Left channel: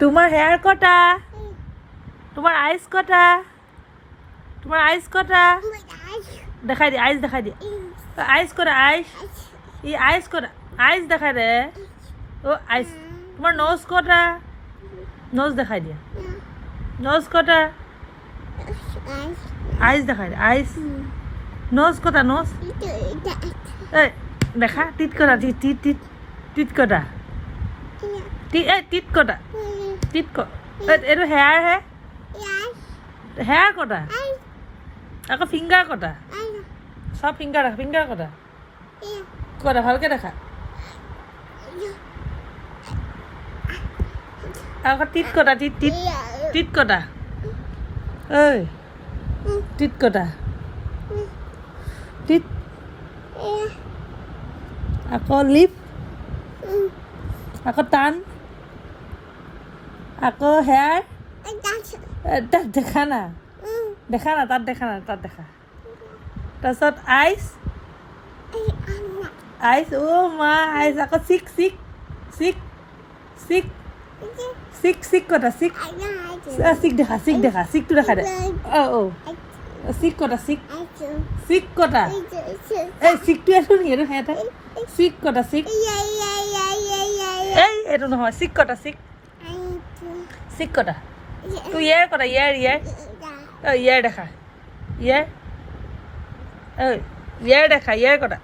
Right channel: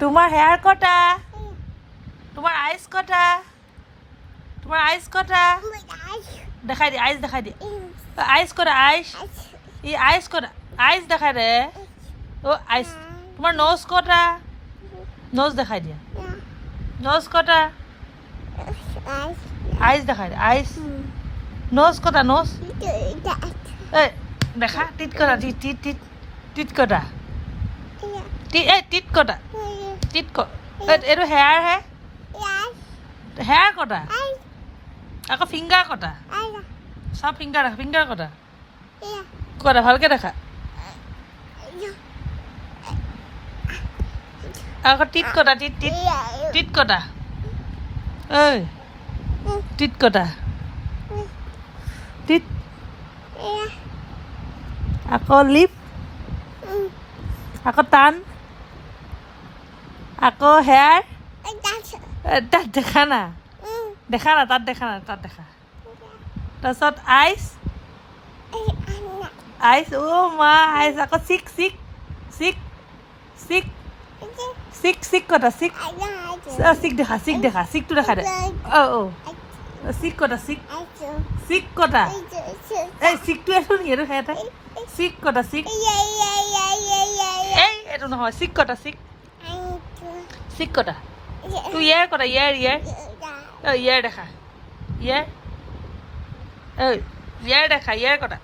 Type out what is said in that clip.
তোমার হেয়ার কটা? তোমার আইস কটা? তোমার আইস কটা? দেখাই দি আইস দেখাই দি আইস কটা আইস ই আইস কটা আইস দেখাই দে ও আইস তোমার নোজ কটা নোজ দেখাই দিয়া নোজ কটা আইস দেখাই দে আইস নোজ কটা নোজ এই দেখা টিট কটা টিট টিট টিট টিট কটা টিট কটা টিট ক এইটো হেয়াৰ হে হেয়াৰ কটা আকৌ ফিংগাৰ কটা সব ফিংগাৰ দেখা ফিংগাৰ কটা কটা ভালকে দেখা আকৌ টিট কটা টিট টিট টিট কটা ঐ টিট কটা টিট আকৌ লিপ আকৌ টান আকৌ হেয়াৰ তাত দেখা না তাত দেখা না তাত দেখা তাৰপিছত আইচ আইচ অ' মা আইচ আকৌ চিক চিক চিক চিক চিক চিক কটা চিক চিক দেখা চিকটো দেখা দে অ' চিক কটা চিক চিক কটা এই চিকটো এইটো নেকি এইটো সিহঁতে চিক কটা চিক এই এইটো নহয় চিক কটা চিক চিক কটা তোৰ ইয়াৰ কটা ইয়াৰ দেখা ইয়াৰ দেখা ইয়াৰ কটা